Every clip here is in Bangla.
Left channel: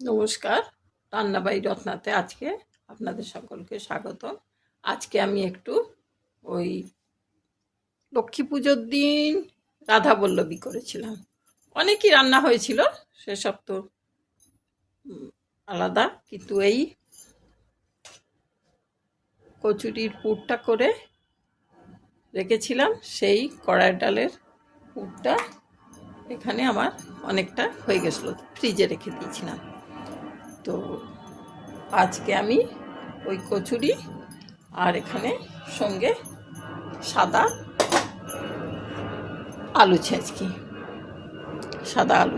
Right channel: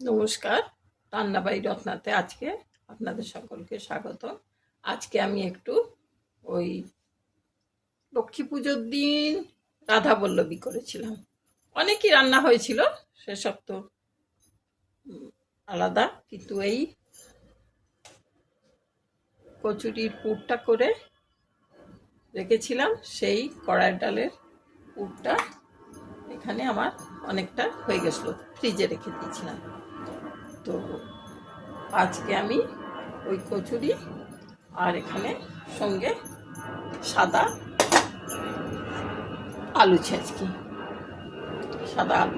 নমস্কার, রান্নাবাড়ি রত্নাতে আজকে আপনাদের সকলকে স্বাগত। আজকে আমি একটু ওই লক্ষ্মী পুজোর দিন রাধাবল্লভী করেছিলাম। অনেকই রান্না হয়েছিল, সেসব তো আলাদা, কিন্তু এই কচুরির পুরটা করে রেখেছিলাম। সেই কড়াই ডালের পুরটা এখানে আমার অনেকটা হয়ে গেছিলো, ফ্রিজে রেখে দিয়েছিলাম। তো আজকে আমি ওই কচুরি আর এখানে সঙ্গে সাদা আলু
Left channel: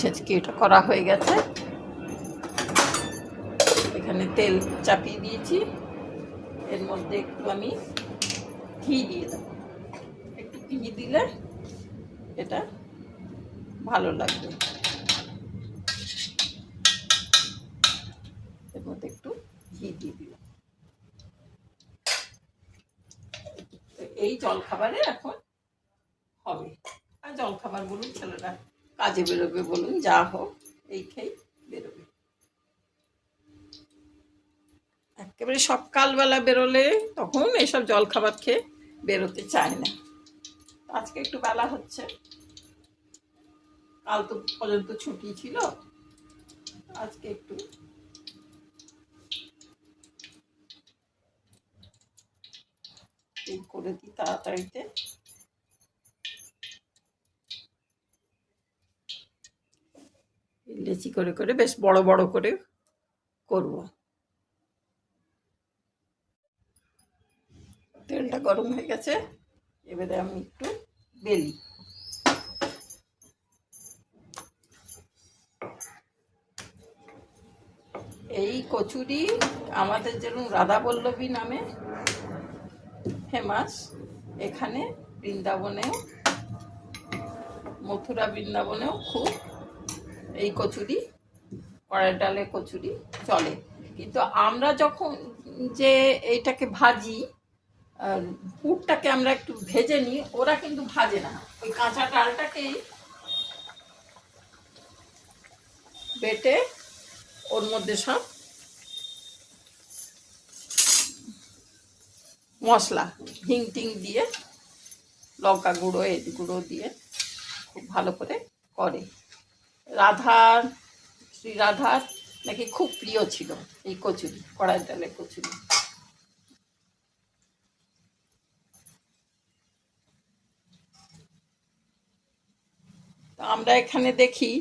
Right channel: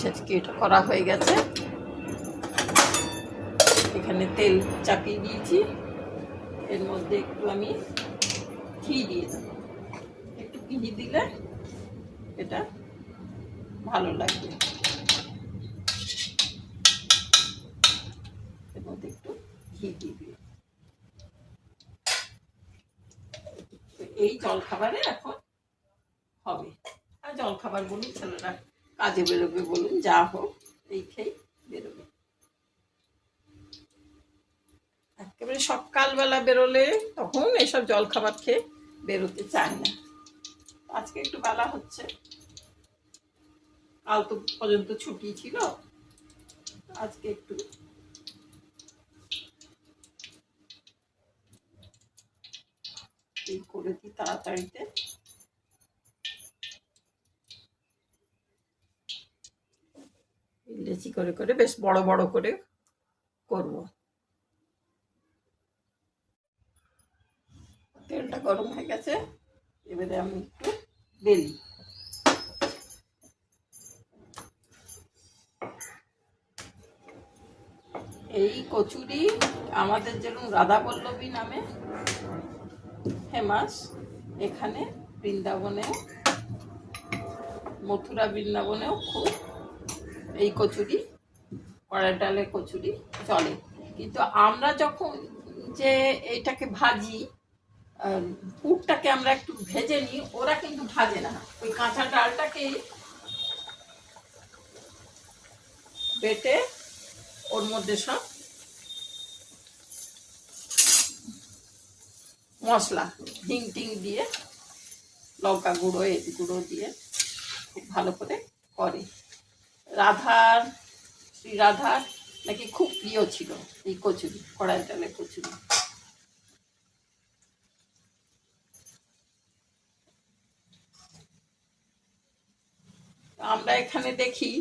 ছেঁচকি এটা করা হয়ে গেছে। এখানে তেল চাপিয়ে দিয়েছি, এর মধ্যে একটু আমি ঘি দিয়ে দেব। একটু ঘি দিলে এটা ভালো লাগবে। এর মধ্যে একটু ঘি দিয়ে দিই। এই জলখাবারে এখন হবে, আর জলখাবার বলুন, ছেলেরা কাজে বেরোবে বলুন, যা হোক এই খেয়ে বেরোবে। একেবারে সকালবেলা বেরোলে তখন এসব জলখাবার খেয়ে বেরোতে চায় না। আজকে একটু বেলা হচ্ছে, কাল তো পর্যন্ত ছুটি ছিল, আজকে একটু করে দিই তাড়াতাড়িতে। লেচি করে করে বেশ বড় বড় করে করব। তেলটা গরম হয়ে গেছে, এবারে আমি একটু বেলি। এই কচুরি আমাদের যেমন রাধাবল্লভী নামে ফেমাস, এখানে বৃন্দাবনেও, মথুরা বৃন্দাবনেও খুব এই কচুরি, কড়াই ডালের কচুরি চলে। কিন্তু আমরা যখন যে এইটাকে ভাজি, পুরটাকে আমরা একটু ভেজে নিই, ওরা কিন্তু ভাজে না। ওই কাঁচা ডালটাকে বেটে ওর মধ্যে সব মশলা, হিং টিং দিয়ে, লঙ্কা গুঁড়ো, এর গুঁড়ো দিয়ে খুব ভালো করে করে। শ্রী রাধার নাকি খুব প্রিয় ছিল এই কচুরি, কড়াই ডালের কচুরি। আমরা এখানে দেখি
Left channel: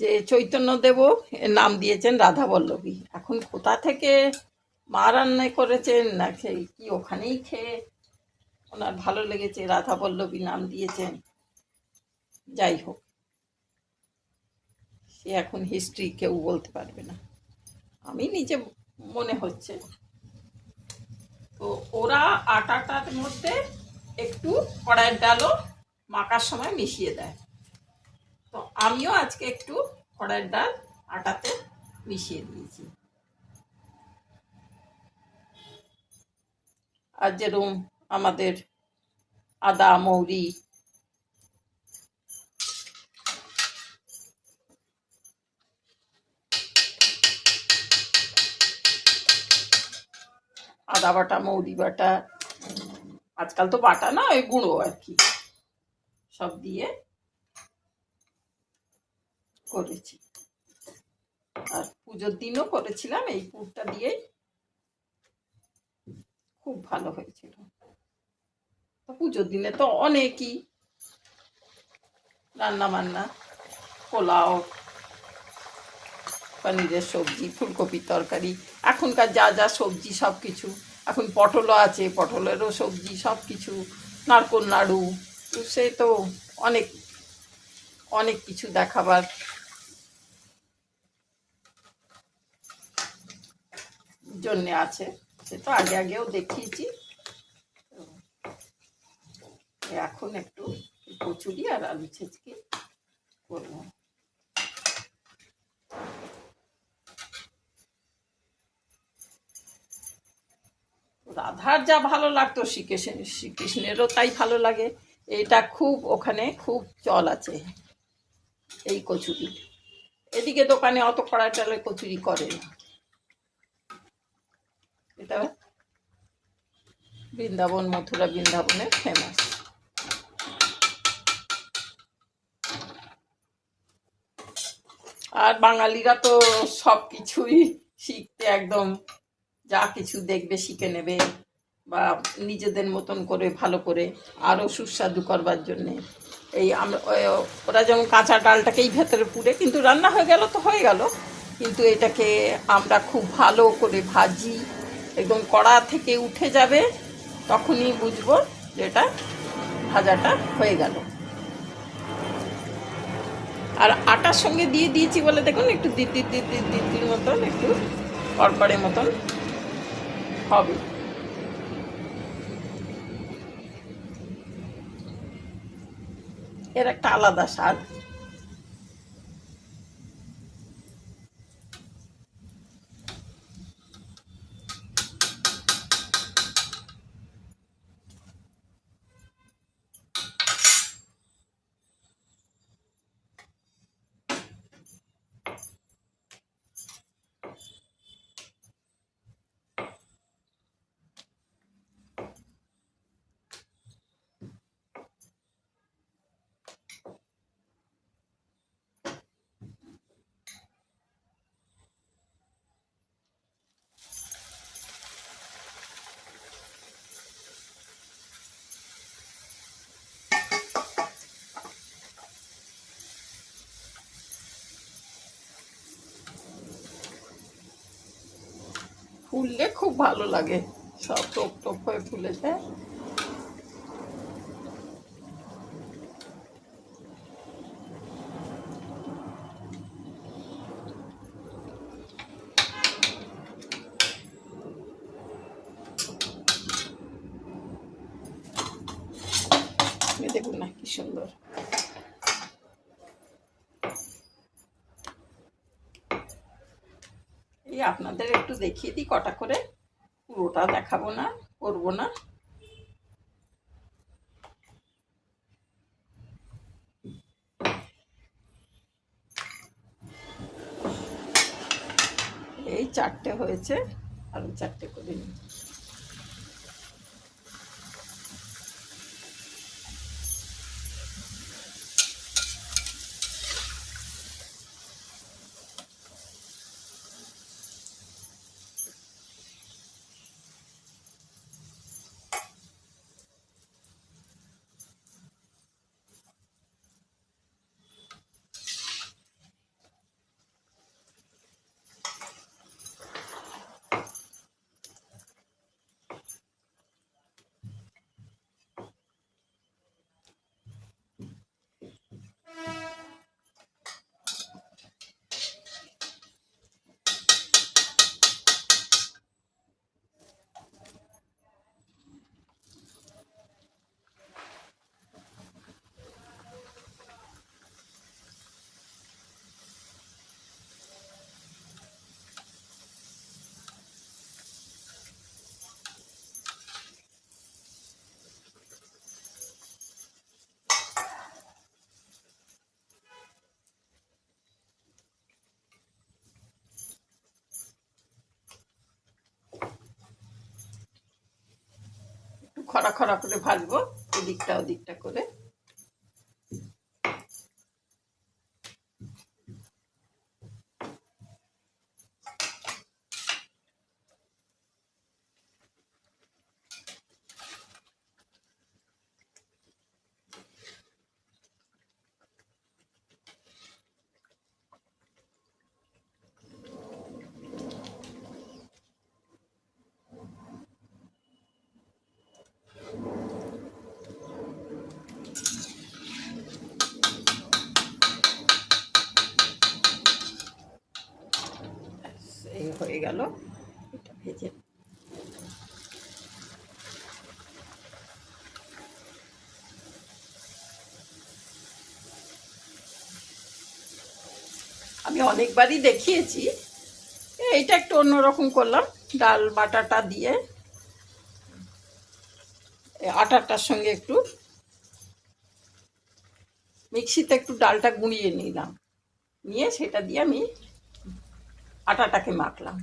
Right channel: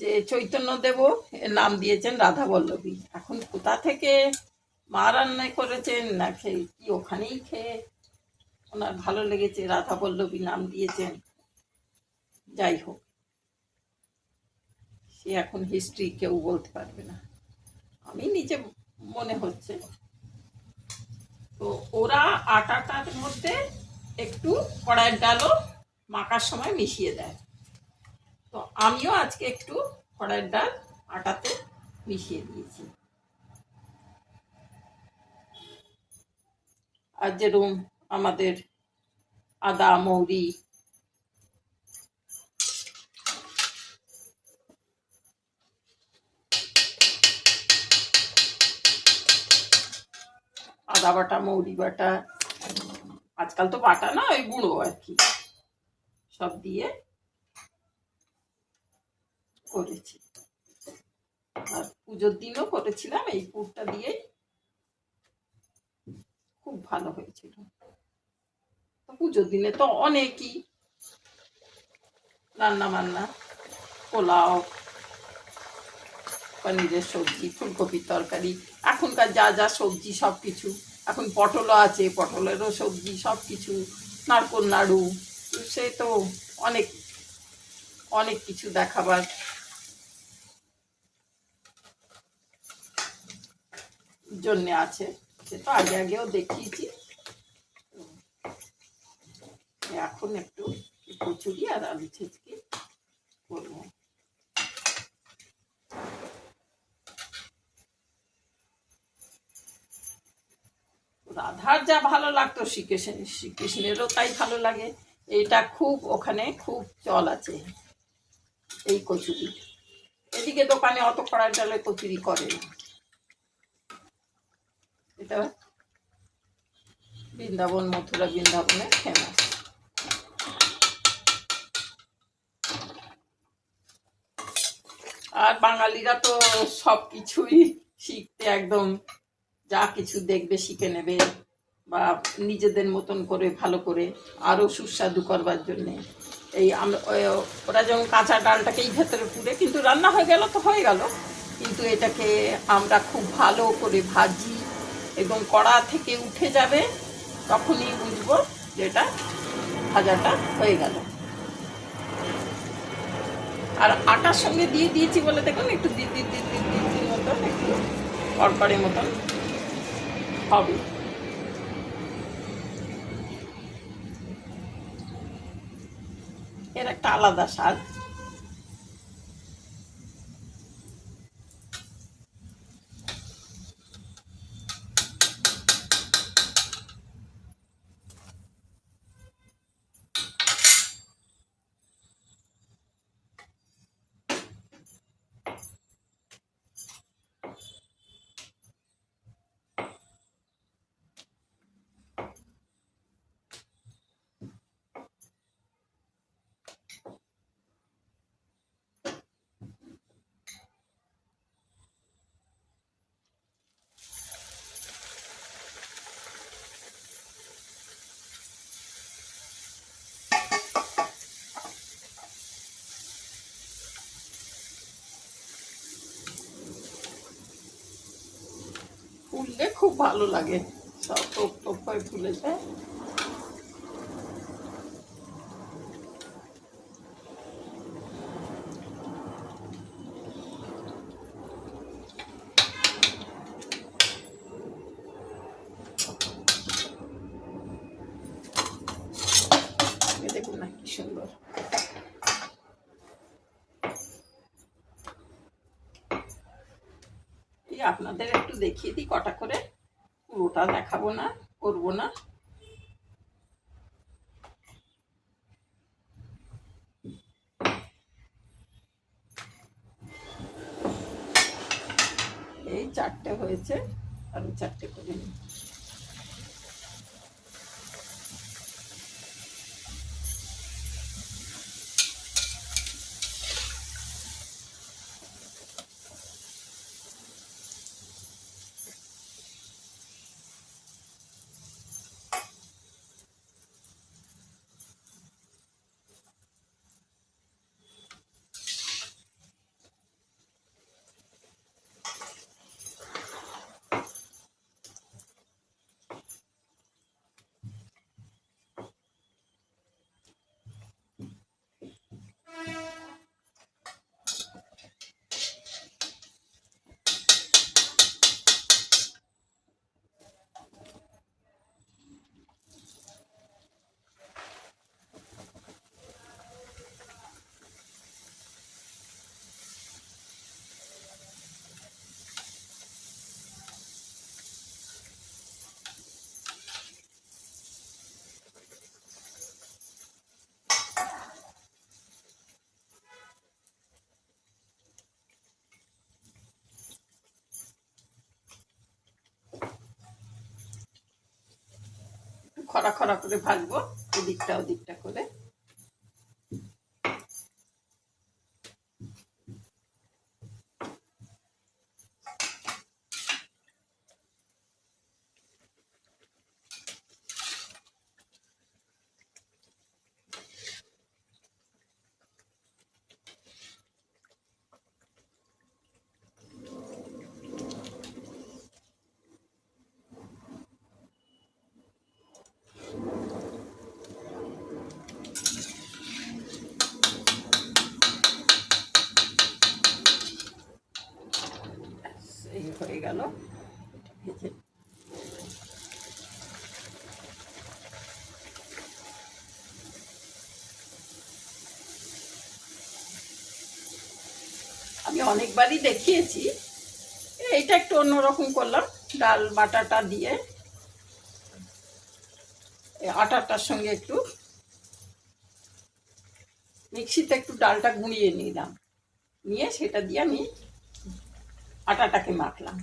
যে চৈতন্যদেব এর নাম দিয়েছেন রাধাবল্লভী। এখন কোথা থেকে মা রান্না করেছেন না খেয়ে কি ওখানেই খেয়ে ওনার ভালো লেগেছে, রাধাবল্লভী নাম দিয়েছেন। যাই হোক, সে এখন হিস্ট্রি কেউ বলতে পারবে না, আমি নিজে মনে হচ্ছে। তো ওরা আটাটার মধ্যে একটু কড়াইয়ের ডালও মাখার সময় মিশিয়ে দেয়। তো আমিও আজকে একটু কড়াইয়ের ডাল আটাতে মিশিয়ে দিয়েছি। আর যেরকম আমাদের আদা, মৌরি, আদা বাটা, মৌরি বাটা, আজকাল তো বাটা না, ওই গুঁড়ো আর কি, সব দিয়ে করেছি। আর পুজোর দিনও করেছিলাম এই পুরটা দিয়েই, খুব ভালো হয়েছিল। পুজোর দিনে তো অনেকই রান্না বান্না, পোলাও, পনিরের সবজি, ফুলকপির তরকারি, এখনকার যা যা সবজি সব কিছু, এখন পটলও আছে, পটলেরও সবজি, সব কিছু, নারকোল নাড়ু, সে তো অনেক অনেক কিছু দেখাবার জন্যে আছে। সে তো আগে আগেও দেখিয়েছি। এখন একটু কচুরি আর আলু ছেঁচকি করবো। রাধার যা ভালো লাগতো শ্রীকৃষ্ণেরও তাই ভালো লাগে। এটা খুব ওখানে খুব চল আছে এই কচুরি। এদিকে দোকানে অত কড়াই ডালে কচুরি করে না। এটা বৃন্দাবন, মথুরা বৃন্দাবনের ফেমাস। আর বাঙালিরা তো সব কিছুই শিখতে একদম, যা কিছু দেখবে শিখে নেবে, বা নিজেদের মতন করে ভালো করে আরও সুস্বাদু করবার জন্যে। এই ওরা যেমন কাঁচা ডালটাকেই ভেতরে পুড়ে, কিন্তু রান্না হয়ে গেল তো হয়ে গেল, কিন্তু এটাকে আমরা খুব ভালো করে ভাজি, একদম কড়া থেকে উঠে যাবে, তখনই বুঝবো যে এটা ভাজাটা হয়ে গেল। আর আটার সঙ্গে দিয়ে দিয়েছি বলে দেখুন একটু দিদির মতন, একটু কড়কড়ের মতন হবে। এর একটা আলাদা স্বাদ। ফুললে খুব ভালো লাগে, সব টোপ টোপ হয়ে ফুলে যায়। দেখুন না কি সুন্দর। এই আপনাদের একটু দেখিয়ে দিই কটা করে, পুরোটা দেখাবো না, করবো না। এই 4টে হয়েছে, আরো 4টে করে নিই। খরা খরা করে ভাজবো, এদিকটা ওদিকটা করে। এই হয়ে গেল, এটা ভেজে। আমি অনেকবারই দেখিয়েছি, এইটা একটু অন্যরকম করলাম, ডাল বাটাটা দিয়ে আটাটার সঙ্গে একটু মিক্সিতে একটু ডালটা গুঁড়িয়ে নিলাম, নিয়ে সেটা দিয়ে আমি আটাটাকে মাখলাম,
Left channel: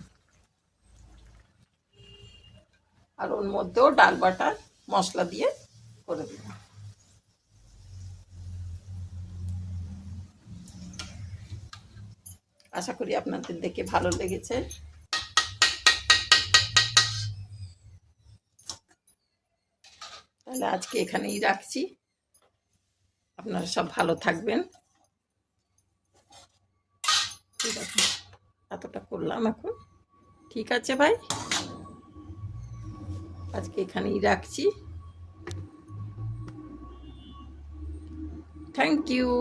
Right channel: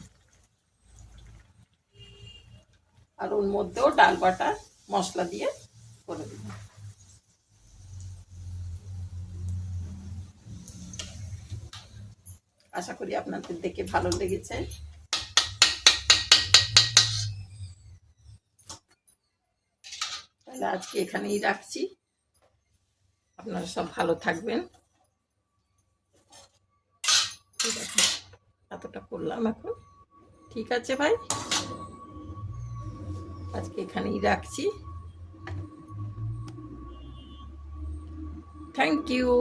আর ওর মধ্যেও ডাল বাটার মশলা দিয়ে করে দিলাম। আশা করি আপনাদের দেখে ভালো লেগেছে। তাহলে আজকে এখানেই রাখছি। আপনারা সব ভালো থাকবেন। ঠিক আছে, এতটা করলাম এখন। ঠিক আছে ভাই, আজকে এখানেই রাখছি। Thank you.